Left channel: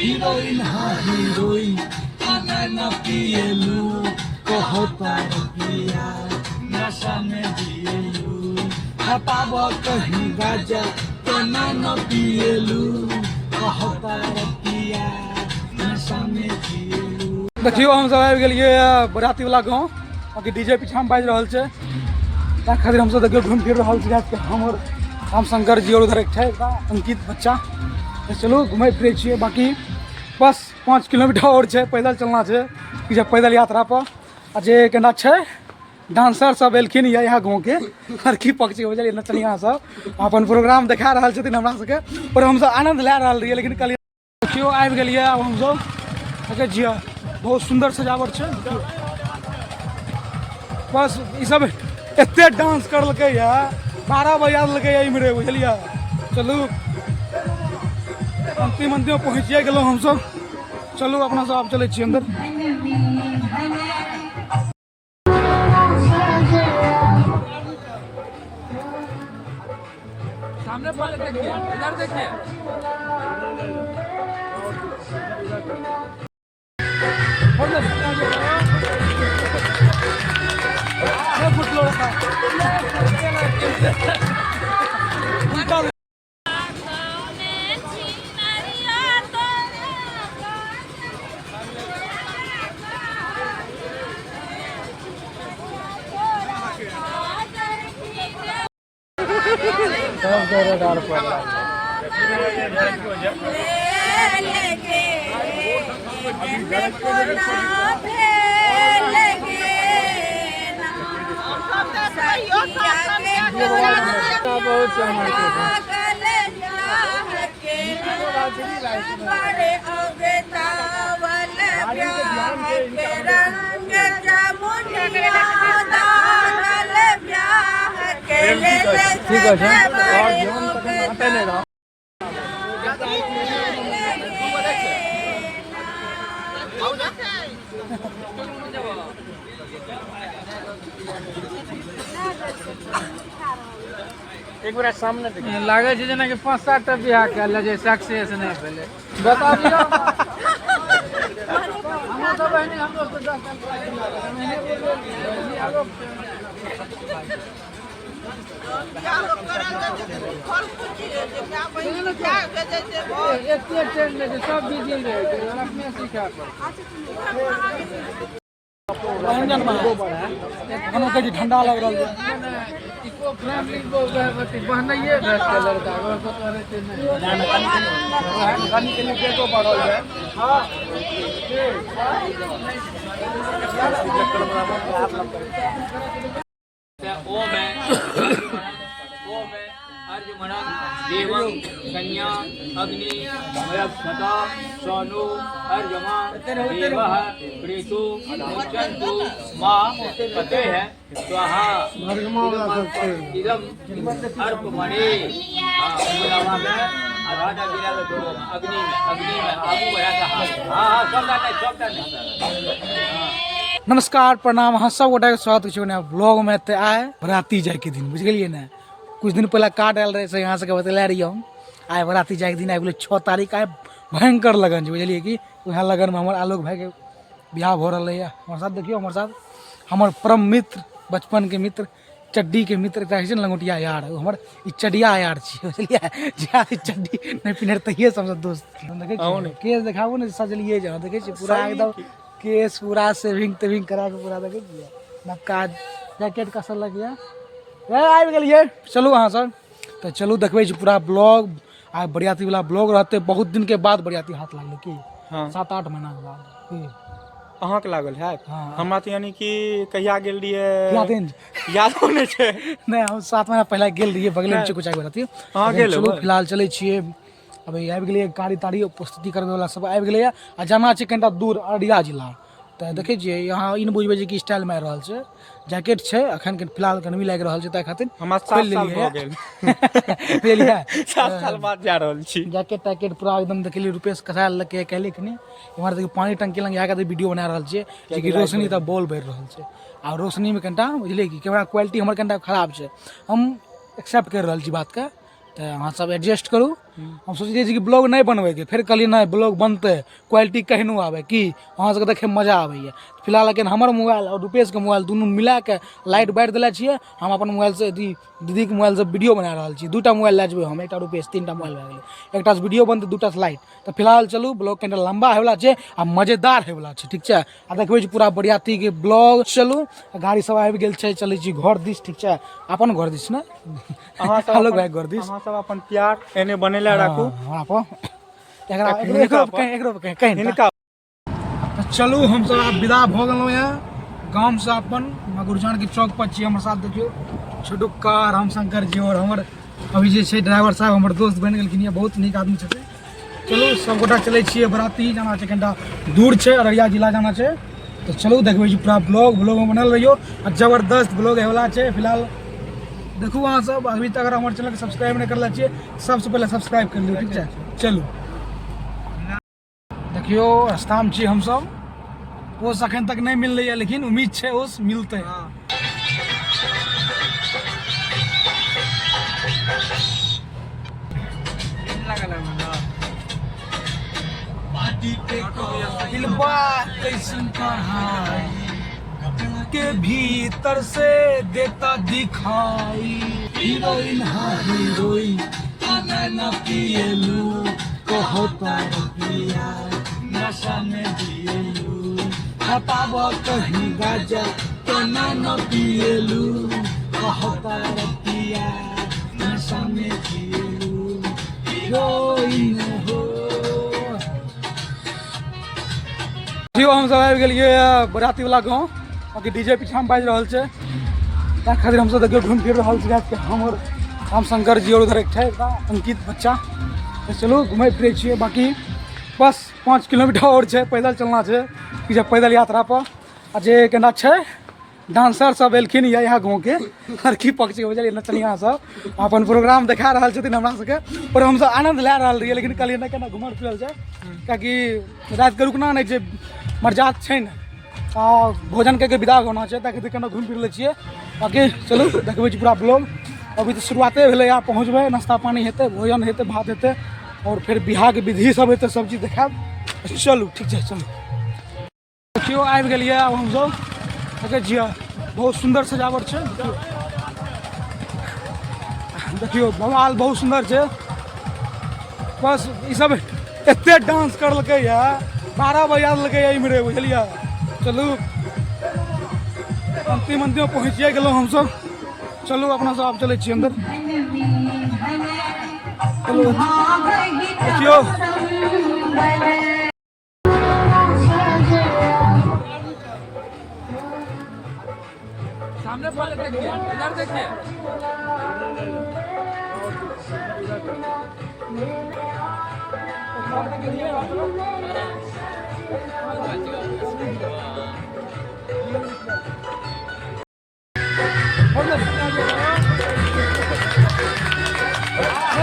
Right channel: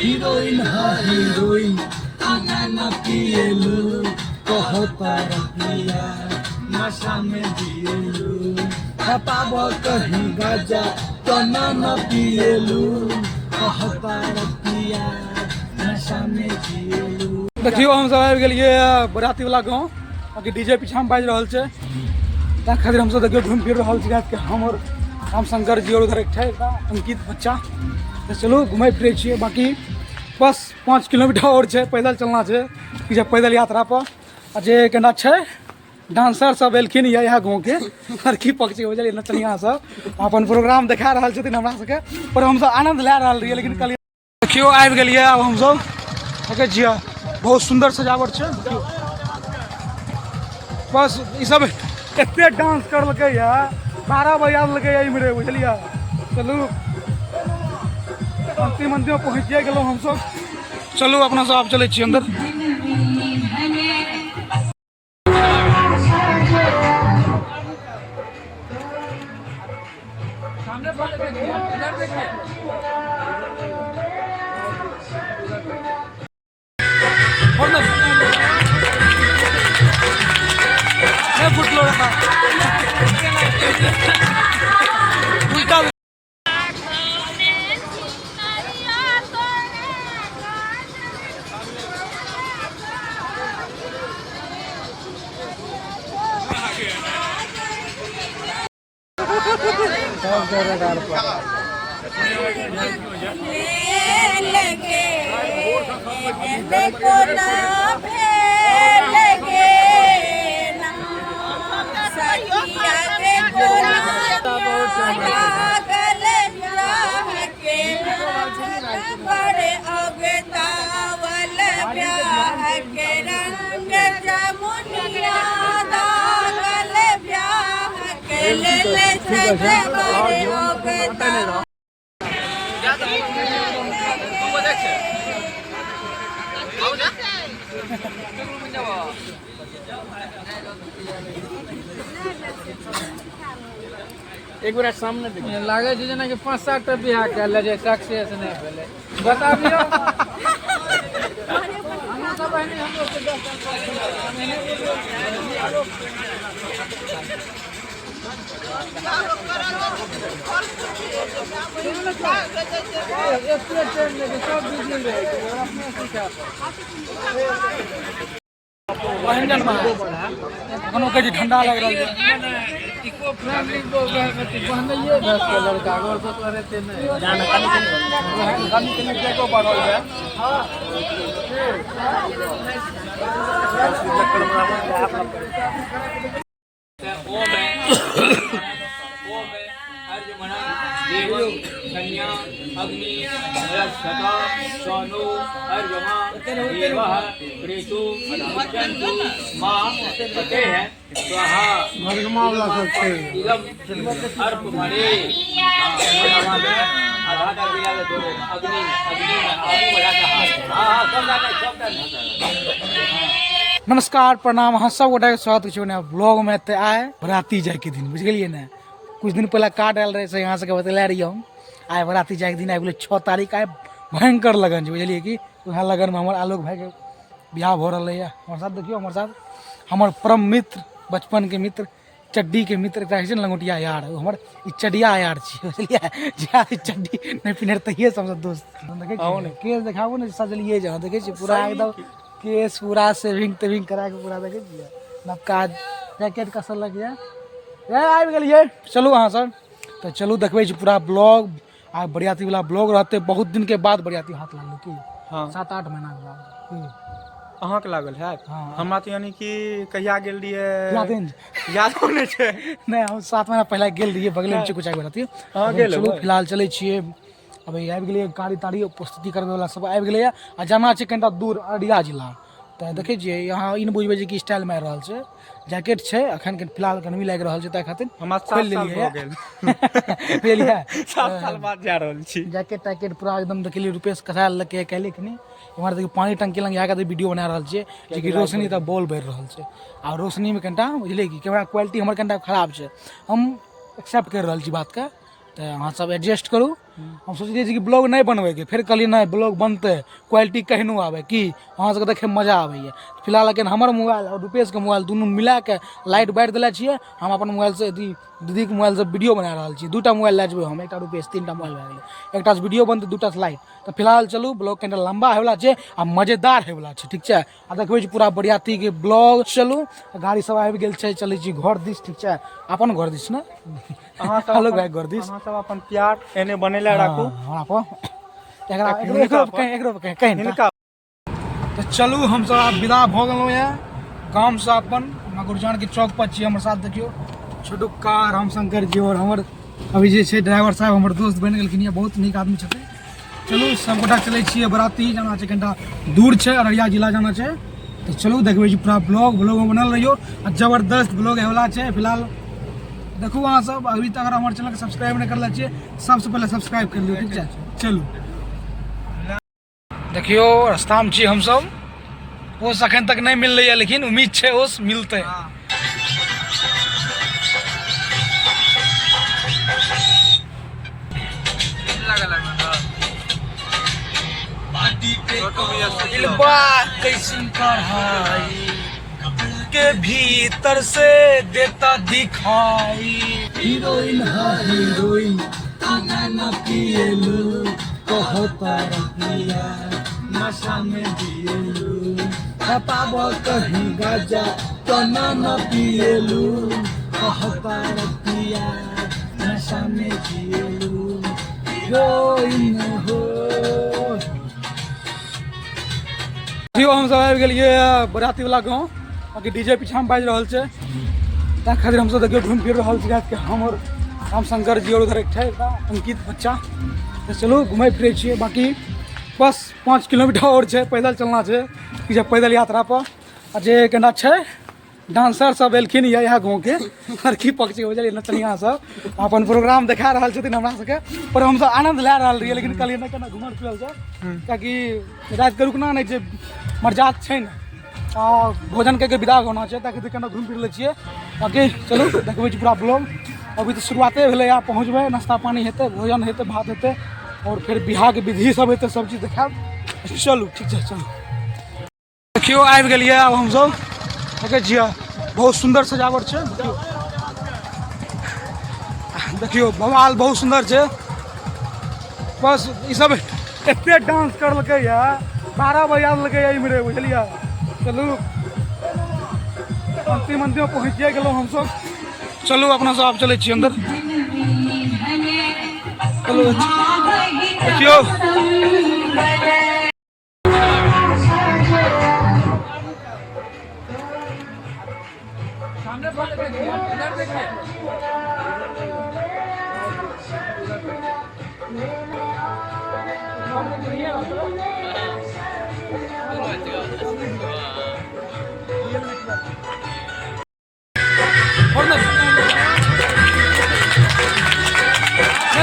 Heroine हा heroine आना ना पिएलू कहता पिया नशा में दिएलू खताब कहीं गाजा तना न पिएलू कहता पिया नशा में दिएलू। देखियो हम सब आबि गेलियै बराती वाला गाँव अभी डीजे पीछा में बाजि रहल छै ताहि खातिर हम सब देखियो घूम फिर रहल छी हमर राम शंकर जी और उधर एक है अंकित बच्चा तो चलो घूमे फिरे छे बाकी बस 5 किलोमीटर और है पैदल चलना है कि जब पैदल यात्रा पर आ जे केना है डांसर सब एलखिन यहाँ गाँव के लड़की पक्षी बुझलिए नचनिया सब अपन प्रोग्राम देखा रहा छथिन हमरा सबके और हम सब आनंद लै रहल रहिए लेकिन कल देखियो आबि गेलिए अब हम सब देखे छिए बहुत सुंदर सजावट है बस ये सब एते डांस करलकै है 12 बजा देलकै इमरे बुझलिए चलू अंतिम अंतिम पहुँचिए गेलहुँ हमसब चलू अपना सब चले छी अंदर फुटलो रखा उल्टा एक बार सामने लागे छै जेना कि 5-7 टा बियाह कैल जे सक्सेस नहीं भेले बताबियो हम सब बहनी हम लोग 10 साल महीने आलोक क्या लोग करा एक ट्रेन में सब बिजी रहे अपने सीखा व्यंजन बना के ठंडा लग रहा है इको फ्रेंडली पहनाइए भैंस के लड़का और तो रहते नहीं जाना कनी के लिए को बढ़ल है हां देवं कन्या अग्नि मयस्सता सोनु अर्यमा देवः प्रेतु मुच्यन्तु मां पते है स्वाहा इदम अर्पमणि आधा दिया तो अग्नि अग्नि आगू बढ़ा का हां सब नमस्कार प्रणाम हाँ सब गोटा के स्वागत है ब्लॉग में ते आए बराती जाए के दिन बुझ गलिए ना कुछ दिन पहले कार्ड आयल रहे से यहाँ से बतला रही हम आए बराती जाए के दिन आए बोले 6 तारीख आए भयंकर लगन है बुझलिए कि वहाँ लगन में हमारे आलोक भाई के बियाह हो रहा है हमारे साथ देखियो हमारे साथ हमारे परम मित्र बचपन के मित्र चड्डी के मित्र लंगोटिया यार हमारे चडिया यार बुझलिए चड्डी नहीं पिन्हे तहिए सब दोस्त देखे केस देखाबो ना सजलिए जा देखे पूरा एकदम केस पूरा सेविंग करा के पूरा देखे नवका जैकेट कसर लग गया आबि गेलिए चलू अहाँ सर तो चलू देखबे पूरा ब्लॉग आ बरियाती वाला ब्लॉग रहते बहुत दिन के बाद बरियाती हाथ लागल की 7-8 महीना के बाद अहाँ के लागल है हाँ हमरा तो यानी कि कहिया गेल रहिए याद नहीं छै नहीं हम 7 महीना पहले गेल रहिए बगले में कुछ बराती चलू फिलहाल चले छिए अभी आबि गेलिए गाड़ी ताड़ी उपस्थिति करबे वाला सब आबि गेलै आ जाना छै कनिटा दूर अररिया जिला तो देखे छिए यहाँ इन बुझबे जे कि स्टाइल मारि रहल छै जैकेट छै अखन के फिलहाल गर्मी लाग रहल छै ताहि खातिर हम 7 साल हो गेल बुझलिए 7 साल बाद जा रहल छी जैकेट टैकेट पूरा एकदम देखलिए रुपेश कसा लगे कहले कि इमहर देखिए पानी टंकी लग यहाँ वीडियो बना रहल छिए लेकिन रोशनी तो बॉल बढ़ रहल छै आ रोशनी में कनिटा बुझलिए कि कैमरा क्वालिटी हमर कनिटा खराब छै हम एक्सेप्ट कर रहल छी बात के तो अहाँ सब एडजस्ट करू। हम सोचलिए कि ब्लॉग नहीं बनबैके, फिर कहलिए नहीं ब्लॉग बनतै, क्वालिटी केहनो आवे कि अहाँ सबके देखे मजा आबैए। फिलहाल लेकिन हमर मोबाइल और रुपेश के मोबाइल दुनू मिला के लाइट बारि देले छियै। हम अपन मोबाइल से दीदी के मोबाइल से वीडियो बना रहल छी। 2टा मोबाइल लए जेबै हम, एकटा रुपेश, 3टा मोबाइल भए गेलै। एकटा से वीडियो बनतै, 2टा से लाइट। तो फिलहाल चलू, ब्लॉग कनिटा लंबा होयवला छै आ मजेदार होयवला छै, ठीक छै। आ देखबै पूरा बरियाती के ब्लॉग। चलू गाड़ी सब आबि गेल छै, चलै छी घर दिस, ठीक छै। अपन घर दिस ने अहाँ सब हेलो भाई घर दिस अहाँ सब अपन प्यार एने बनेले राखू। हां पो एकरो कहीं हिनका तो चलू हम सब आब विदा भ गेलहुँ यऽ गाम से। अपन गुरजान के चौक पर छी, हमर साथ देखियो छोटू कार, हम शंकर जी और हमर अभी जे छै ड्राइवर साहब हमर दोस्त बनि गेलखिन यऽ, बहुत नीक आदमी छथिन। चलू सब गोटा चलै छियै, बराती जाना छै, कनिटा दूर छै, अररिया जिला जाना छै। तो चलू देखबै छी पूरा ब्लॉग में बनल रहियो आ जबरदस्त ब्लॉग होवला छै। फिलहाल देखू अहाँ सब अभी तक अगर हमारे चैनल के सब्सक्राइब नहीं करले छियै, सबसे पहले सब्सक्राइब कर लियो, ठीक है। चलू देखियो रास्ता में छी हम सब, ओस अखन तक नहीं मिल रही है, लेकिन उम्मीद है ओस मिलते। कैसी कढ़ाई के भीतर से देता दिखाई, हीरोइन हाँ हीरोइन ना पिएलू, कहता पिया नशा में दिएलू, खताब कहीं गाजा तो न पिएलू, कहता पिया नशा में दिएलू, हीरोइन हो। हम सब आबि गेलियै बराती वाला गाँव, बाकी डीजे पीछा में बाजि रहल छै, ताहि खातिर हम सब देखियो घूम फिर रहल छी। हमर राम शंकर जी और उधर एक छै अंकित बच्चा। तो चलू घूमे फिरे छियै, बाकी बस 5 किलोमीटर और छै, पैदल चलना छै कि जब पैदल यात्रा पर। आ जे केना छै डांसर सब एलखिन यहाँ गाँव के लड़की पक्ष के बुझलियै, नचनिया सब अपन प्रोग्राम देखा रहल छथिन हमरा सबके, और हम सब आनंद लए रहल रहियै। लेकिन कहलियै केना घुमल फिरल छै, कियाकि राति के रुकना नहीं छै, मरजात छै ने, आ भोजन करके विदा होना छै, ताकि केना घुमि फिर लै छियै। बाकी चलू देखबै छी पूरा ब्लॉग। अभी तो शुरुआते भेलै, यहाँ पहुँचबै, नाश्ता पानी हेतै, भोजन हेतै, भात हेतै, और फिर बिहार के विधि सब हेतै, सब चीज देखाब। चलू ठीक छै, चलू देखियो आबि गेलियै आब हम सब, देखै छियै बहुत सुंदर सजावट छै। देखियो बवाल बहुत सुंदर छै, बस ई सब एते डांस करलकै है, 12 बजा देलकै इम्हरे, बुझलियै। चलू अंतिम अंतिम पहुँचिए गेलहुँ हम सब। चलू अपना सब आप चले छियै अंदर। चलू देखियो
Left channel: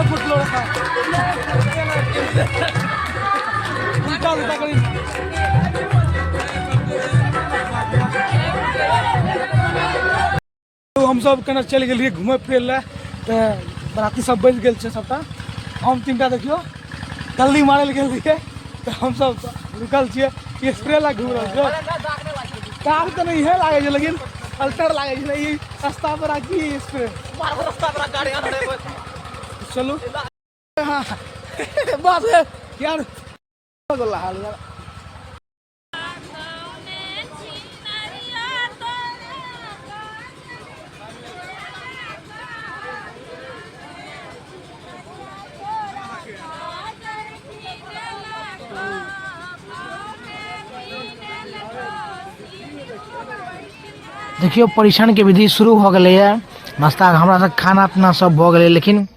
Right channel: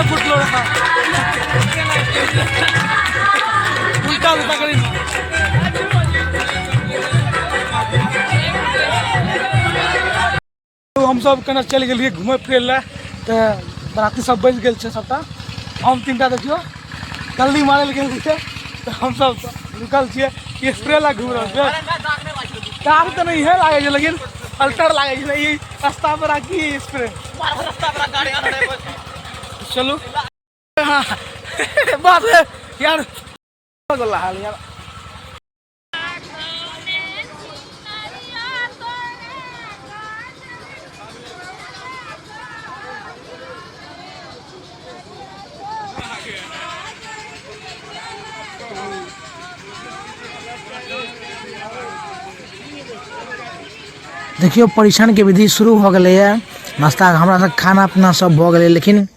फुटलो रखा उल्टा उल्टा करी। हम सब केना चल गेलियै घूमे फिरे ला, तो बराती सब बज गेल छै सबटा। हम 3टा देखियो कल्ली मारे लए गेल रहियै, तो हम सब रुकल छियै, स्प्रे ला घूम रहल छै। कार तो नहीं है लागे छै, लेकिन अल्टर लागे छै, ई रास्ता पर आकी स्प्रे। चलू बात है यार, हाल यार। देखियो परीक्षण के विधि शुरू हो गए है, नाश्ता हमरा सब खाना पीना सब भ गए, लेकिन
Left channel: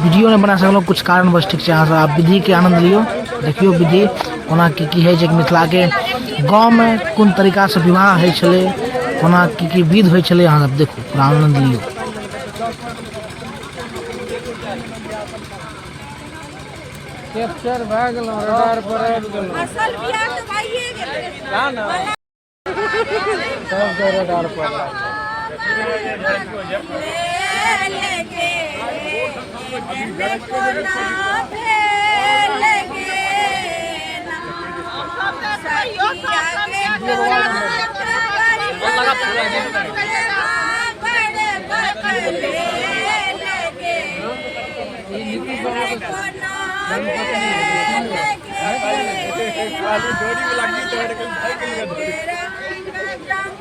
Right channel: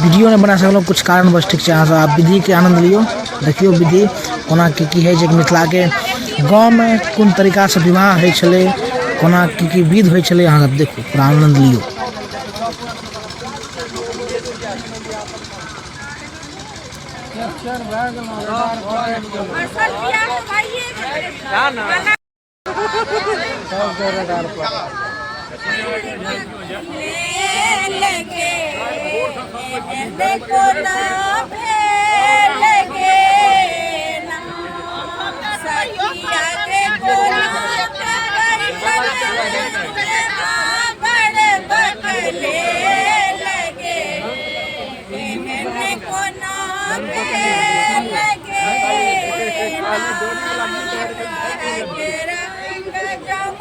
वीडियो नहीं बना सकल कुछ कारण बस, ठीक है। अहाँ सब आप विधि के आनंद लियो, देखियो विधि कोना की है, मिथिला के गाँव में कोन तरीका से विवाह है छले, कोना की विध होइ छले, अहाँ सब देखो पूरा आनंद लियो। कैप्चर भए गेल असल बियाह त भइए गेल सब रडार पर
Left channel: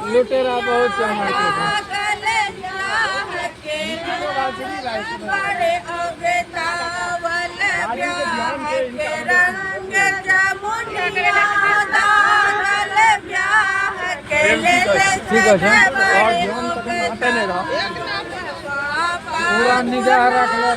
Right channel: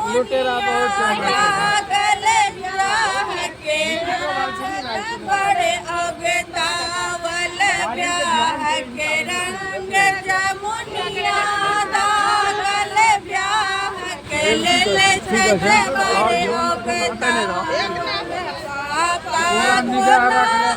लुटेरा बहुत बड़े अगतावल ब्याह के रंग जमुनिया दागल ब्याह के ले ले से बड़े निगाह रखला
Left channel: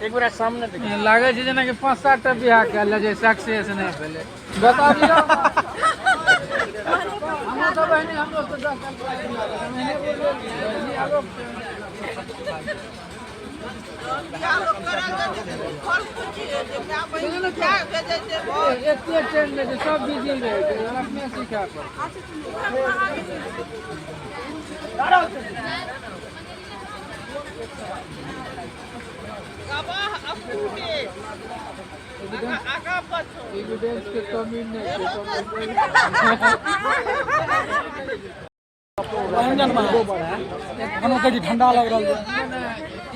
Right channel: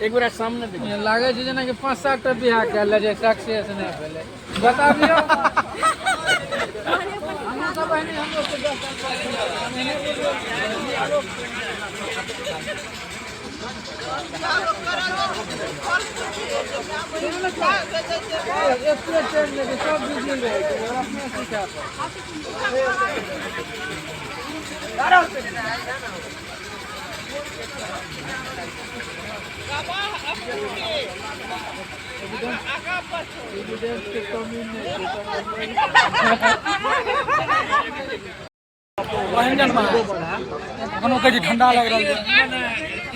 एक बार सामने लागे छै जेना कि 5-7 टा बियाह कयल जे सक्सेस नहि भेलै बताबियो हम तो बहनी हम लोग 10 साल महीने एते ट्रेन में सब बिजी रहे अपने सीखा एविडेंस के कमी नहीं है ठंडा लग रहा है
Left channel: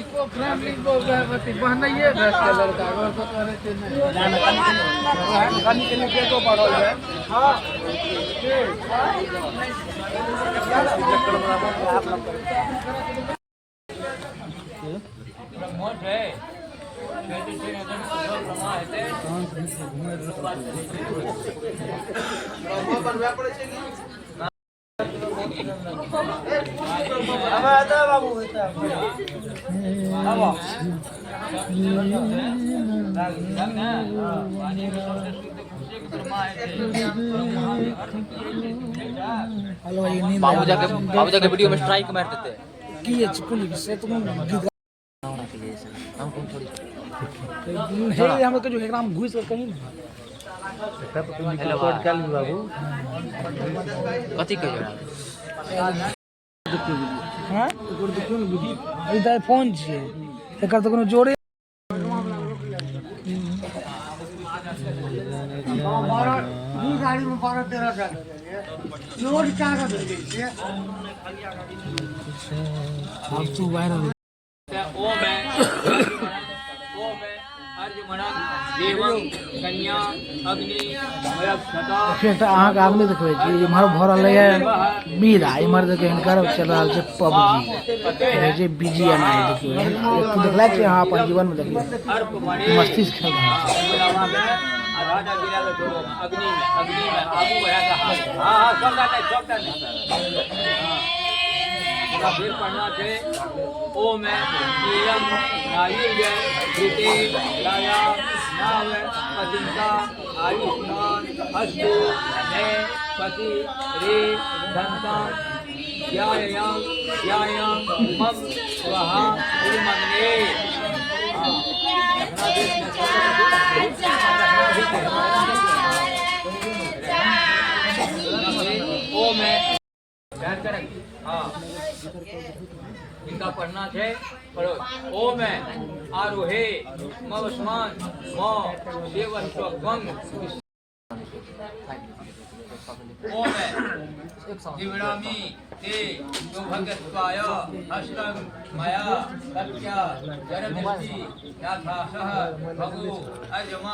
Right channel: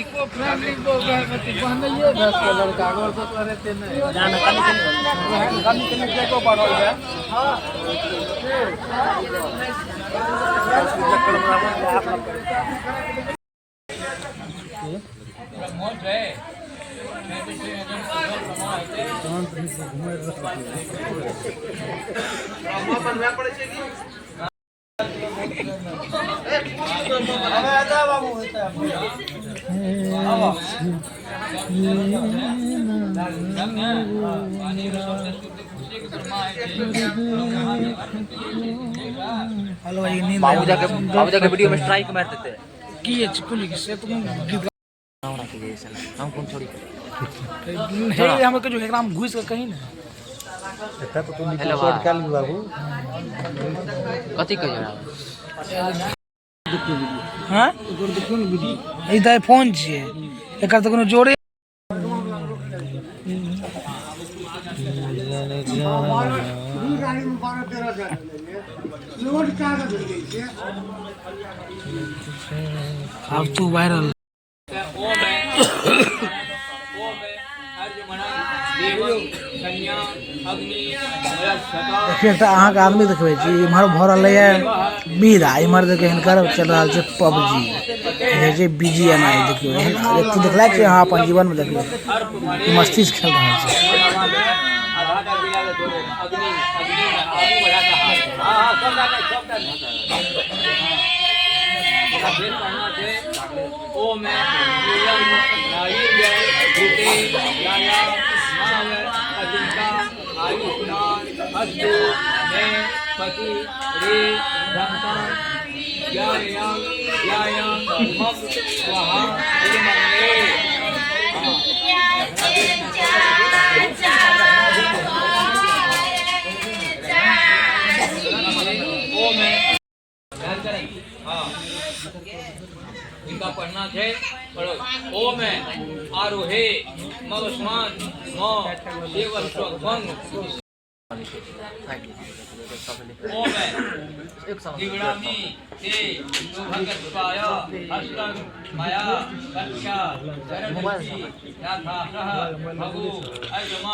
इको फ्रेंडली पहनाइए भैंस के लड़का और तो रहते नहीं को बढ़ल है बाबू जाके वीडियो में स्ट्राइक मार देते की है चिकुली से तुम गीत हम कौन छोड़ी हे हम के जो एकराम घुस के कहीं ना कथी कह हां ई त फोन छिए एकर त कोनो जोड़े अब तू वायरल अहाँ के आदमी देखबै छी इम्हर भऽ रहल है बीरा इम्हर देखे हिनकर चल रहल छै पबजी जे बीजीएमआई देखियो एहन व्यक्ति देखला छै अहाँ अपन जीवन में देखियो मस्ती से खेल रहल छै फिर पढ़ना थे ओम नीलम नायुर्य घृते लाया नाव अजिंका आयुष्मान अस्तु मे पति रे धनतान यायां यायां मम स्वाहा इमन्ये ओम हाँ इनका पढ़ना है पढ़ो ओम आरोहे मवस्मान म देव स्वभंग ओम दिव्यामी ते योभगत्वाय हस्तं मया कक्षा जरधि याथासह भगो अजमा